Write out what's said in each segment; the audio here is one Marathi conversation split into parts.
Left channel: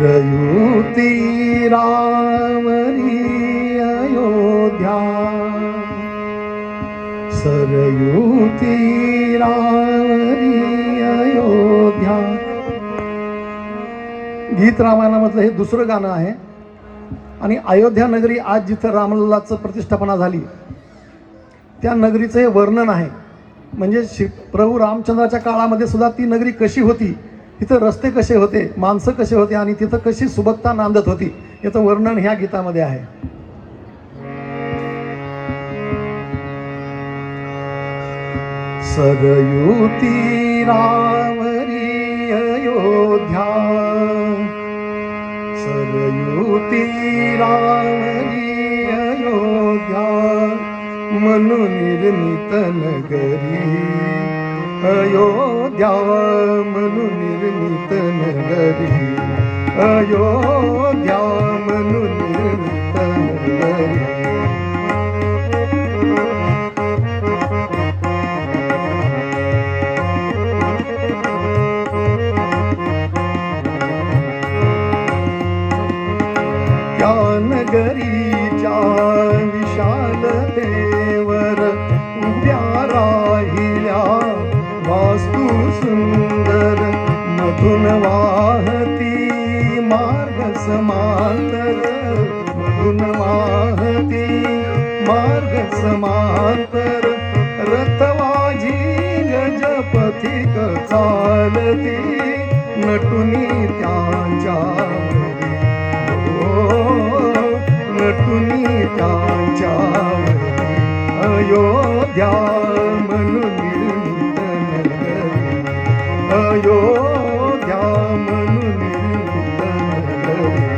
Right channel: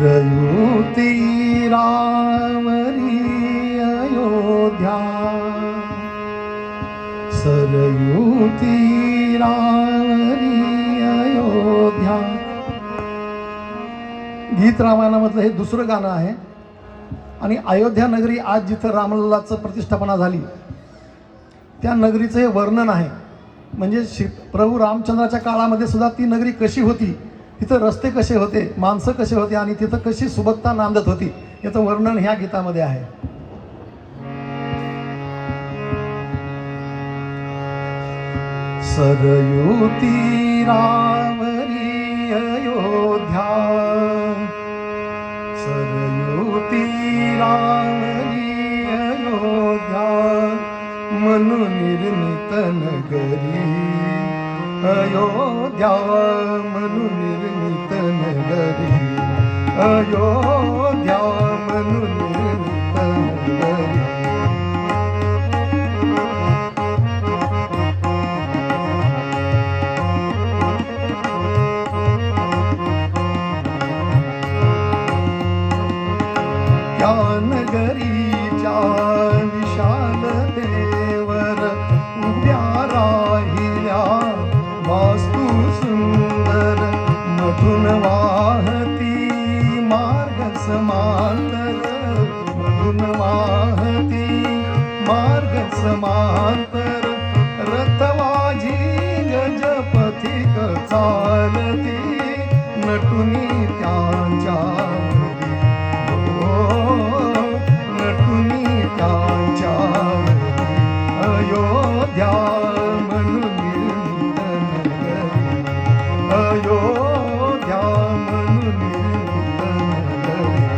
सरयू तीरावरी अयोध्या, सरयू तीरावरी अयोध्या. गीत रामायणामधलं हे दुसरं गाणं आहे. आणि अयोध्या नगरी आज जिथं रामलल्लाचं प्रतिष्ठापना झाली त्या नगरीचं हे वर्णन आहे. म्हणजे प्रभू रामचंद्राच्या काळामध्ये सुद्धा ती नगरी कशी होती, तिथं रस्ते कसे होते, माणसं कसे होते आणि तिथं कशी सुबकता नांदत होती याचं वर्णन ह्या गीतामध्ये आहे. सरयू तीरावरी अयोध्या, सरयू तीरावरी अयोध्या, मनु निर्मित नगरी अयोध्या, मनु निर्मित नगरी अयोध्या, मनु निर्मित नगरी. त्या नगरीच्या विशालतेवर उभ्या राहिल्या वास्तू सुंदर, मधुन वाहती मार्ग समांतर, मधुन वाहती मार्ग समांतर, रथवाजी गजपथिक चालती नटुनी त्यांच्या नटुनी त्यांच्या अयोध्या मनु निर्मित नगरी अयोध्या मनु निर्मित नगरी.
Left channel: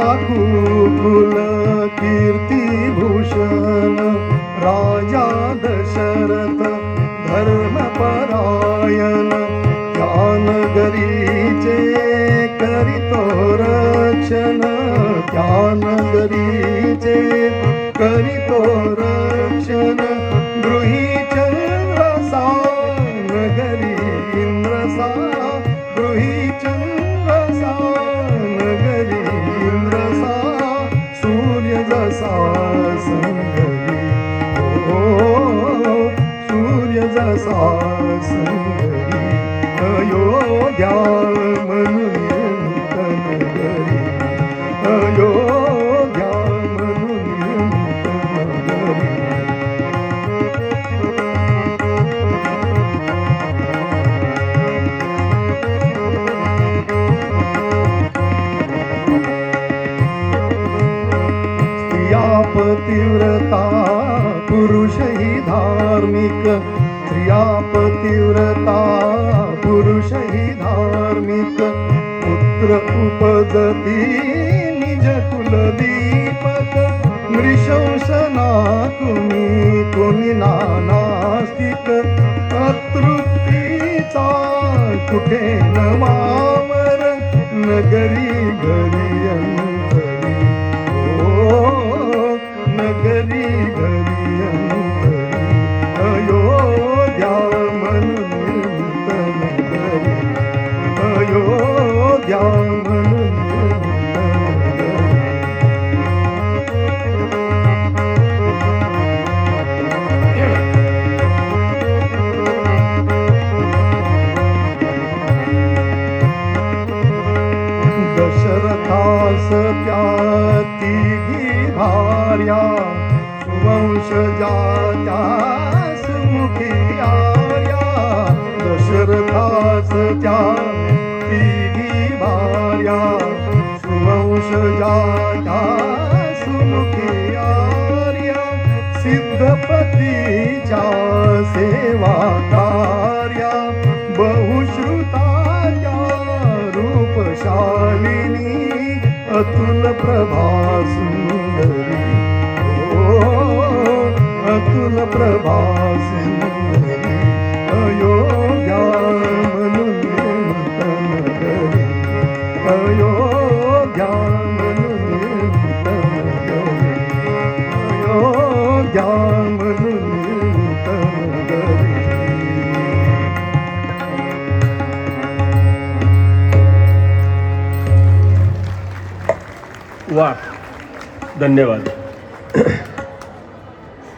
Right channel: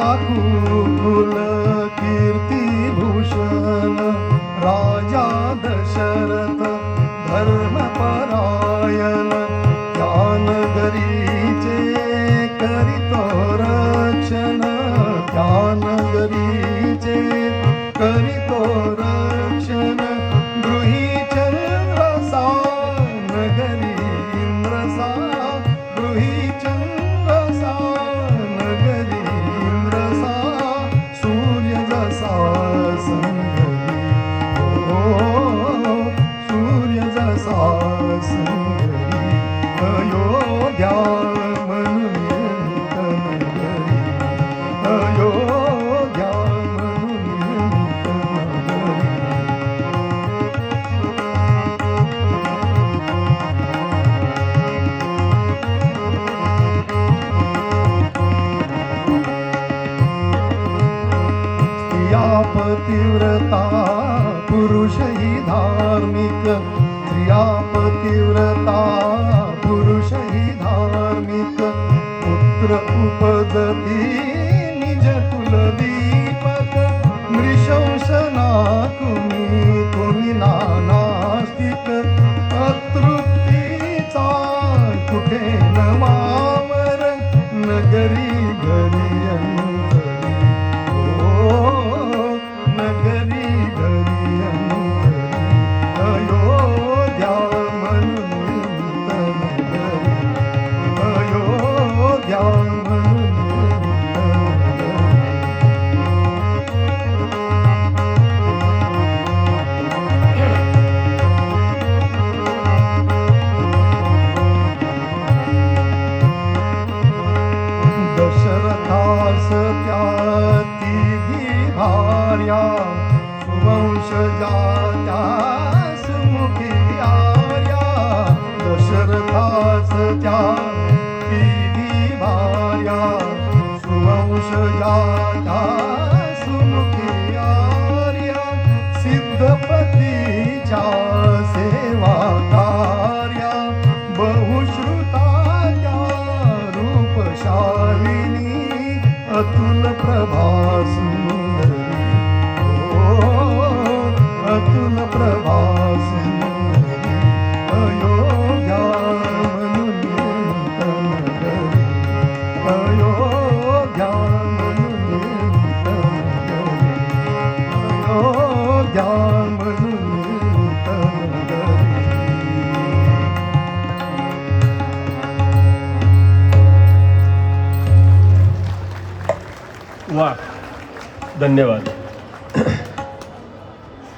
इक्ष्वाकुकुल कीर्तिभूषण राजा दशरथ धर्मपरायण, त्या नगरीचे करितो रक्षण, त्या नगरीचे करितो रक्षण, गृही चंद्रसा नगरी इंद्रसा, गृही चंद्रसा नगरी इंद्रसा, सूर्य जसा संगरी, सूर्य जसा संगरी, अयोध्या मनु निर्मित नगरी अयोध्या मनु निर्मित नगरी. पतिव्रता पुरुषही धार्मिक, स्त्रिया पतिव्रता पुरुषही धार्मिक, पुत्र उपजती निज कुलदीपक, नृशंसना तुम्ही नानास्तिक, अतृप्तीचा कुठे न वावर, नगरी घरी अंतरी, नगरी घरी अंतरी, अयोध्या मनु निर्मित नगरी अयोध्या मनु निर्मित नगरी. वा, धन्यवाद.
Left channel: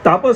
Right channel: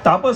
तापस